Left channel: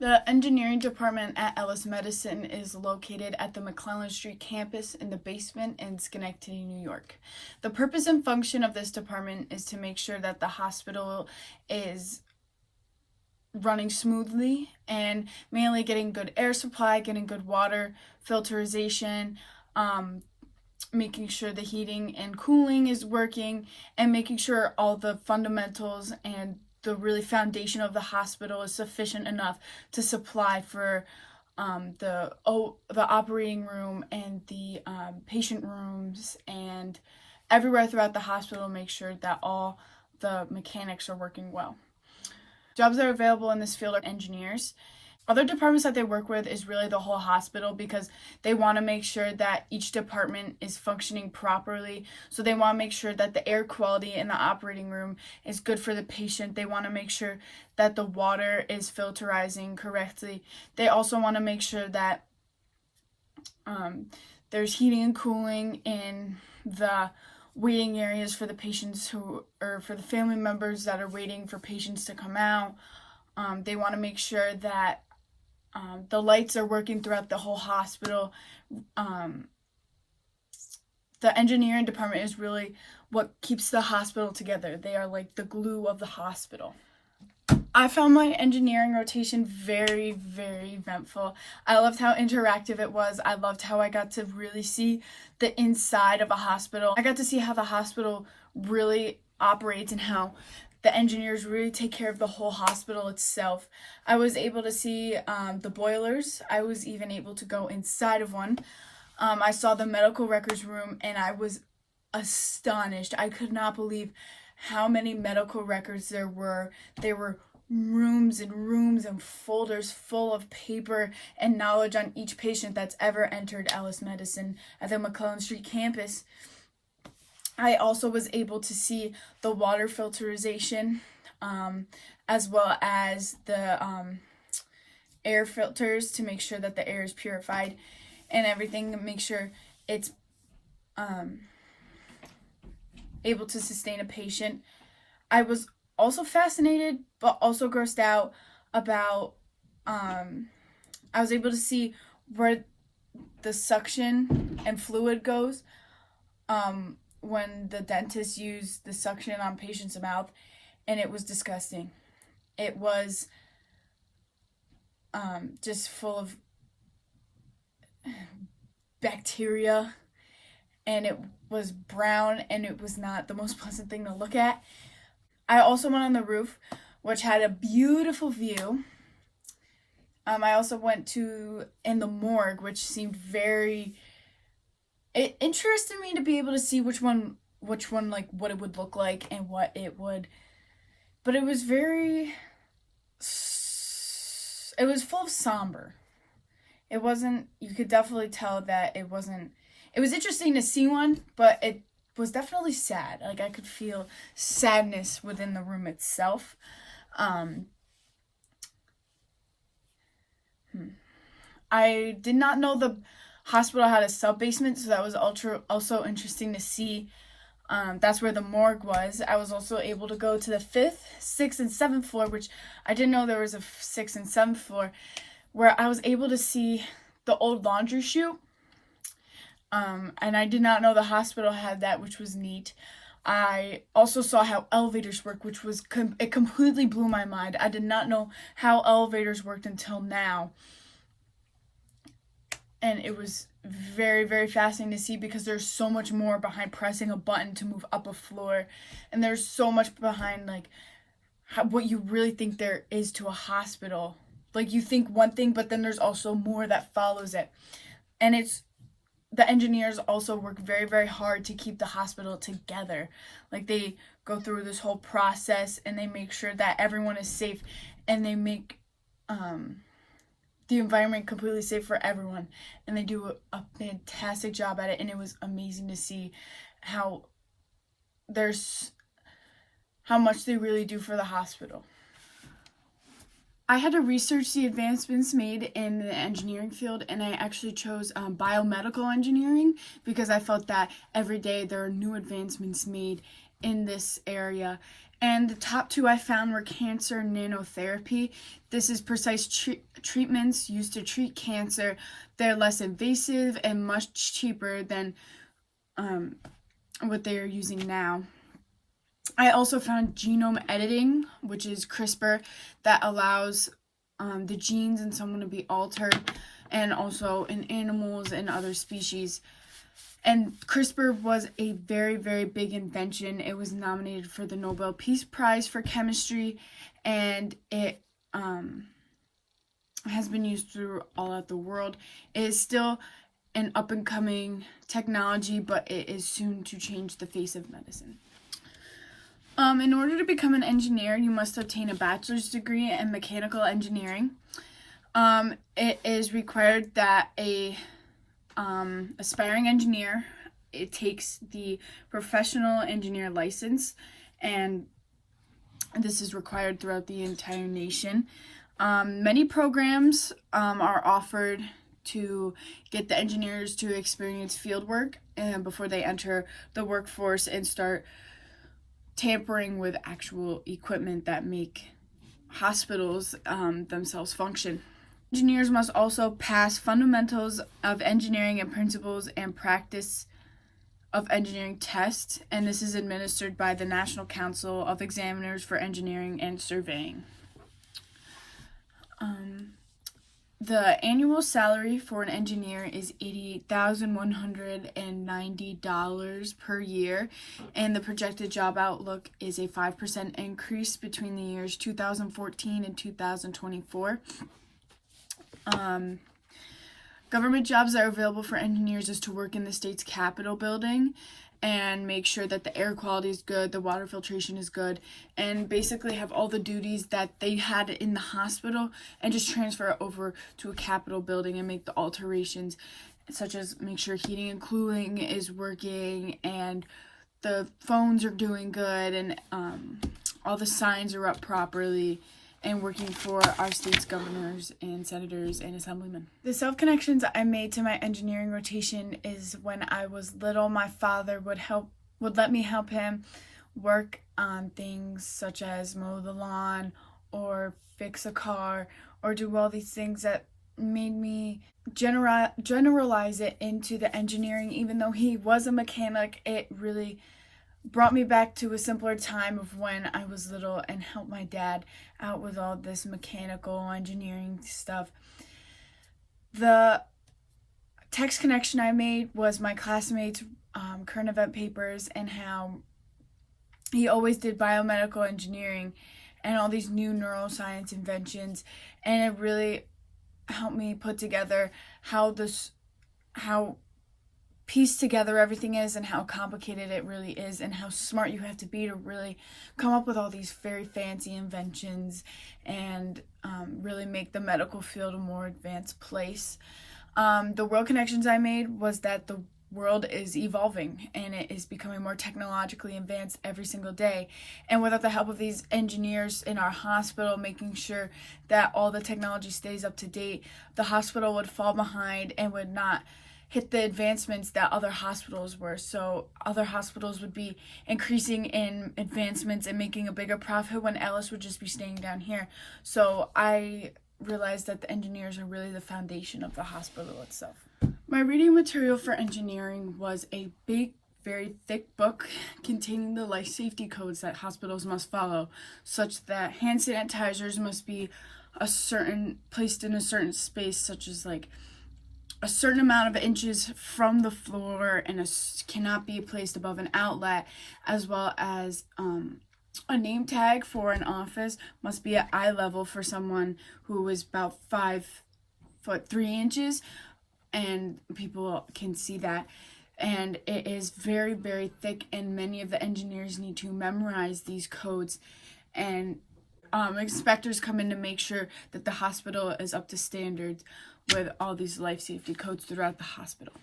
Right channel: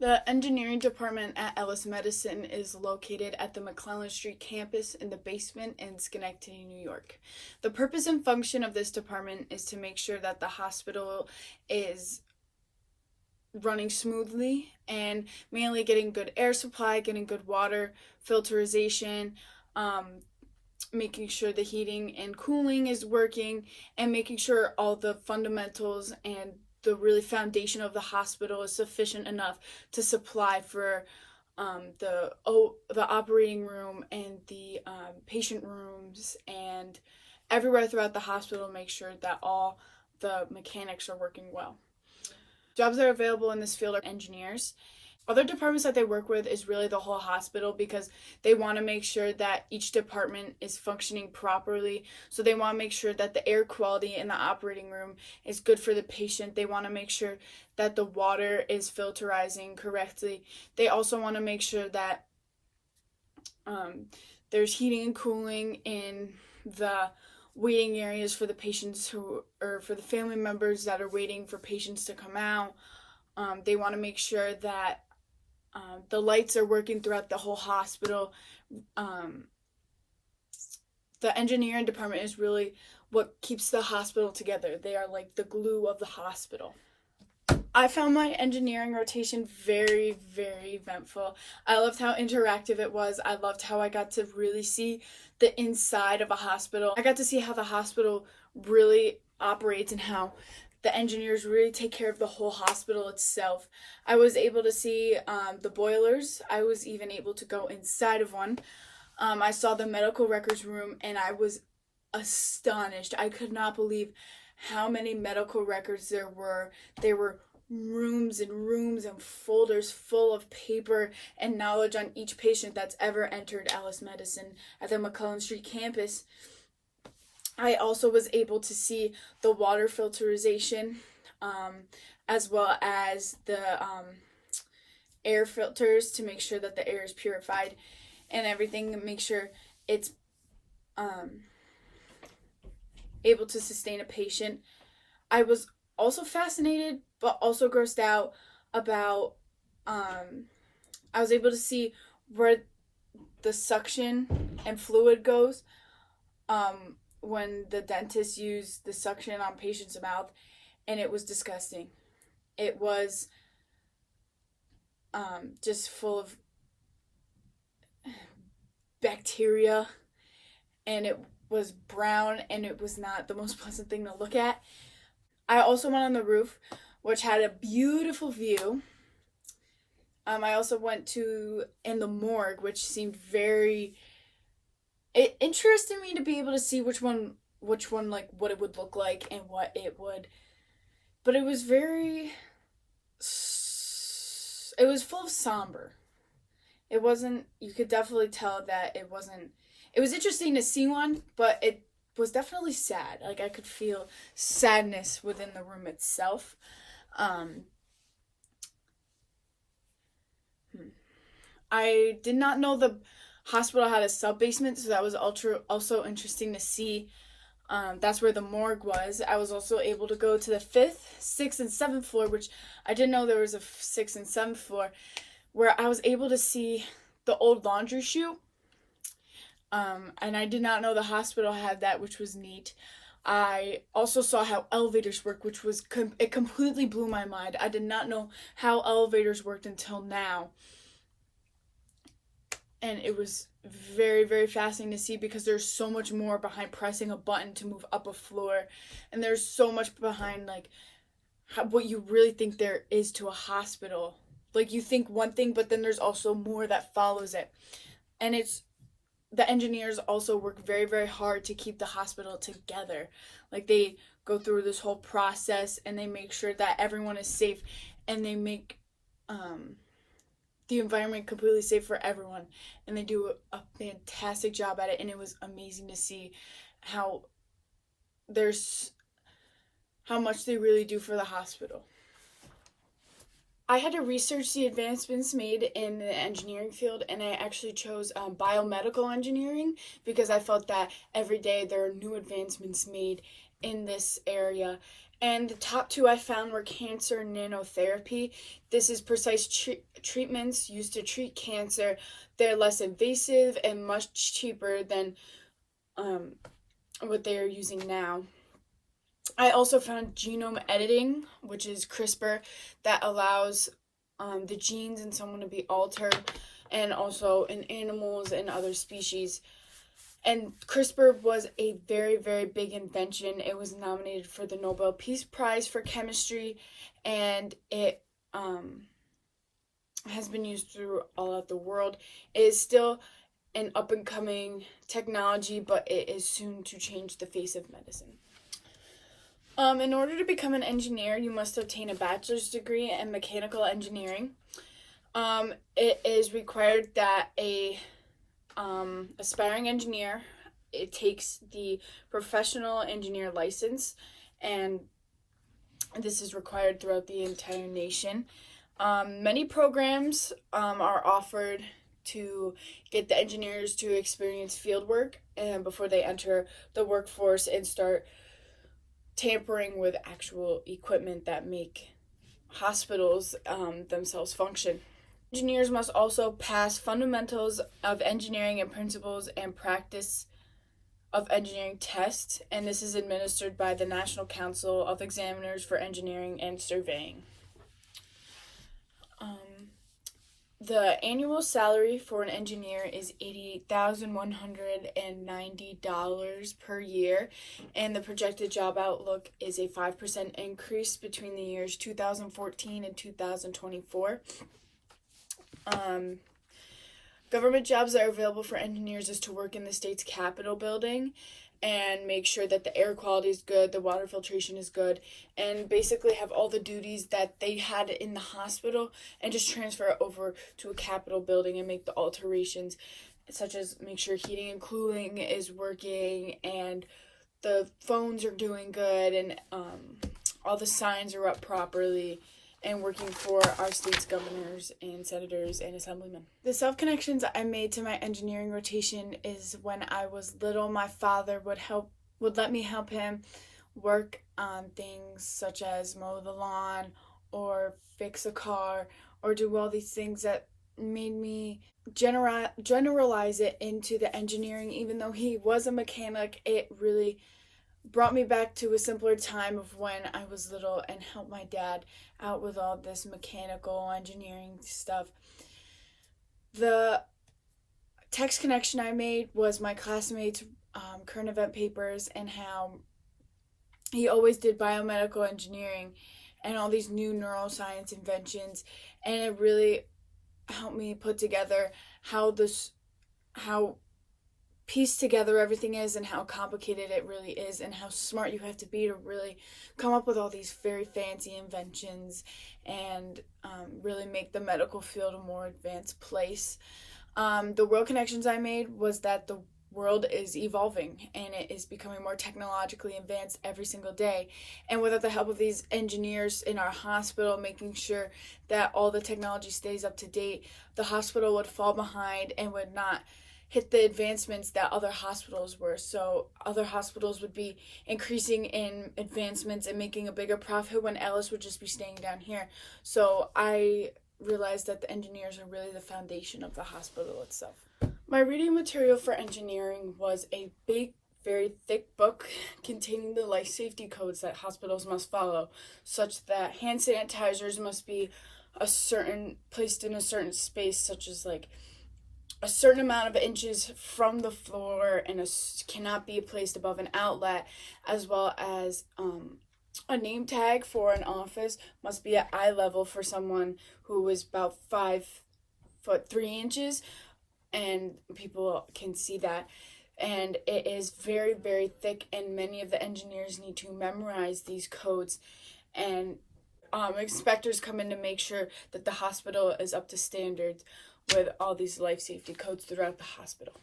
The engineering department at Ellis Medicine is located at the McClellan Street campus in the basement in Schenectady, New York. The purpose and function of this department is to make sure that the hospital is running smoothly and mainly getting good air supply, getting good water filterization, making sure the heating and cooling is working, and making sure all the fundamentals and the really foundation of the hospital is sufficient enough to supply for the operating room and the patient rooms and everywhere throughout the hospital. Make sure that all the mechanics are working well. Jobs that are available in this field are engineers. Other departments that they work with is really the whole hospital, because they want to make sure that each department is functioning properly. So they want to make sure that the air quality in the operating room is good for the patient. They want to make sure that the water is filterizing correctly. They also want to make sure that there's heating and cooling in the waiting areas for the patients or for the family members that are waiting for patients to come out. They want to make sure that the lights are working throughout the whole hospital. The engineering department is really what keeps the hospital together. They are like the glue of the hospital. I found my engineering rotation very, very eventful. I loved how interactive it was. I loved how I got to really see the inside of a hospital. I got to see how the hospital really operates and how the engineers really take care of the whole hospital itself. I was able to see the boilers. I was even able to go inside of one. I saw the medical records room and I was astonished. I could not believe how many medical records there were. They were rooms and rooms and folders full of paper and knowledge on each patient that's ever entered Ellis Medicine at the McClellan Street campus. I also was able to see the water filterization, as well as the air filters to make sure that the air is purified and everything, to make sure it's able to sustain a patient. I was also fascinated but also grossed out about I was able to see where the suction and fluid goes when the dentist used the suction on patients' mouth, and it was disgusting. It was just full of bacteria, and it was brown, and it was not the most pleasant thing to look at. I also went on the roof, which had a beautiful view. I also went in the morgue, which seemed very... It interested me to be able to see which one, like, what it would look like and what it would... But it was very... It was full of somber. It wasn't... You could definitely tell that it wasn't... It was interesting to see one, but it was definitely sad. Like, I could feel sadness within the room itself. I did not know the hospital had a sub-basement, so that was also interesting to see. That's where the morgue was. I was also able to go to the 5th, 6th, and 7th floor, which I didn't know there was a 6th and 7th floor, where I was able to see the old laundry chute. And I did not know the hospital had that, which was neat. I also saw how elevators work, which was it completely blew my mind. I did not know how elevators worked until now. And it was very, very fascinating to see, because there's so much more behind pressing a button to move up a floor. And there's so much behind, like, what you really think there is to a hospital. Like, you think one thing, but then there's also more that follows it. And the engineers also work very, very hard to keep the hospital together. Like, they go through this whole process and they make sure that everyone is safe, and they make the environment completely safe for everyone, and they do a fantastic job at it. And it was amazing to see how much they really do for the hospital. I had to research the advancements made in the engineering field, and I actually chose biomedical engineering, because I felt that every day there are new advancements made in this area, And the top two I found were cancer nanotherapy. This is precise treatments used to treat cancer. They're less invasive and much cheaper than what they are using now. I also found genome editing, which is CRISPR, that allows the genes in someone to be altered, and also in animals and other species. And CRISPR was a very, very big invention. It was nominated for the Nobel Peace Prize for chemistry, and it has been used through all of the world. It is still an up-and-coming technology, but it is soon to change the face of medicine. In order to become an engineer, you must obtain a bachelor's degree in mechanical engineering. It is required that a aspiring engineer, it takes the professional engineer license, and this is required throughout the entire nation. Many programs are offered to get the engineers to experience field work before they enter the workforce and start tampering with actual equipment that make hospitals themselves function. Engineers must also pass fundamentals of engineering and principles and practice of engineering tests, and this is administered by the National Council of Examiners for Engineering and Surveying. The annual salary for an engineer is $88,190 per year, and the projected job outlook is a 5% increase between the years 2014 and 2024. Government jobs that are available for engineers is to work in the state's Capitol building and make sure that the air quality is good, the water filtration is good, and basically have all the duties that they had in the hospital and just transfer it over to a Capitol building and make the alterations, such as make sure heating and cooling is working and the phones are doing good and all the signs are up properly, and working for our state's governors and senators and assemblymen. The self-connections I made to my engineering rotation is when I was little, my father would let me help him work on things such as mow the lawn or fix a car or do all these things that made me generalize it into the engineering. Even though he was a mechanic, it really brought me back to a simpler time of when I was little and helped my dad out with all this mechanical engineering stuff. The text connection I made was my classmates' current event papers and how he always did biomedical engineering and all these new neuroscience inventions, and it really helped me put together how piece together everything is and how complicated it really is and how smart you have to be to really come up with all these very fancy inventions and really make the medical field a more advanced place. The world connections I made was that the world is evolving and it is becoming more technologically advanced every single day, and without the help of these engineers in our hospital making sure that all the technology stays up to date, the hospital would fall behind and would not hit the advancements that other hospitals were. So other hospitals would be increasing in advancements and making a bigger profit when Ellis would just be staying down here. So I realized that the engineers are really the foundation of the hospital itself. My reading material for engineering was a big, very thick book containing the life safety codes that hospitals must follow, such that hand sanitizers must be placed in a certain space, such as like a certain amount of inches from the floor and cannot be placed above an outlet, as well as a name tag for an office must be at eye level for someone who is about 5'3" and people can see that. And it is very, very thick, and many of the engineers need to memorize these codes, and inspectors come in to make sure that the hospital is up to standards with all these life safety codes throughout the hospital.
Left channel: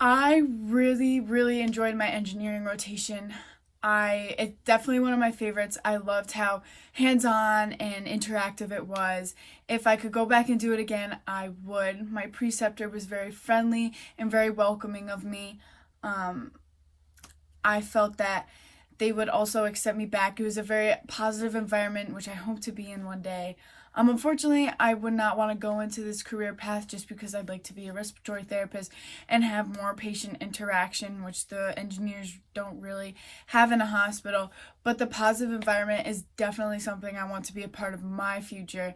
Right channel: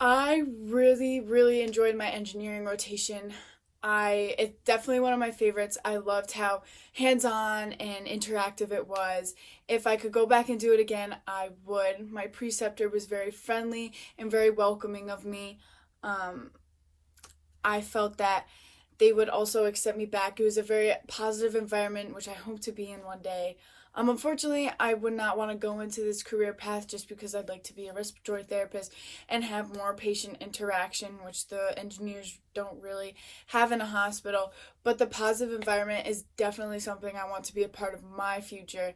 I really, really enjoyed my engineering rotation. It's definitely one of my favorites. I loved how hands-on and interactive it was. If I could go back and do it again, I would. My preceptor was very friendly and very welcoming of me. I felt that they would also accept me back. It was a very positive environment, which I hope to be in one day. Unfortunately, I would not want to go into this career path just because I'd like to be a respiratory therapist and have more patient interaction, which the engineers don't really have in a hospital. But the positive environment is definitely something I want to be a part of my future.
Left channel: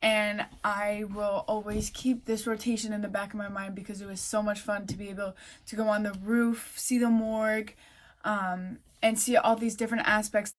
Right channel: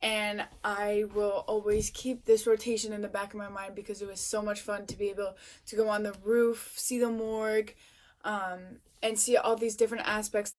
And I will always keep this rotation in the back of my mind because it was so much fun to be able to go on the roof, see the morgue, and see all these different aspects.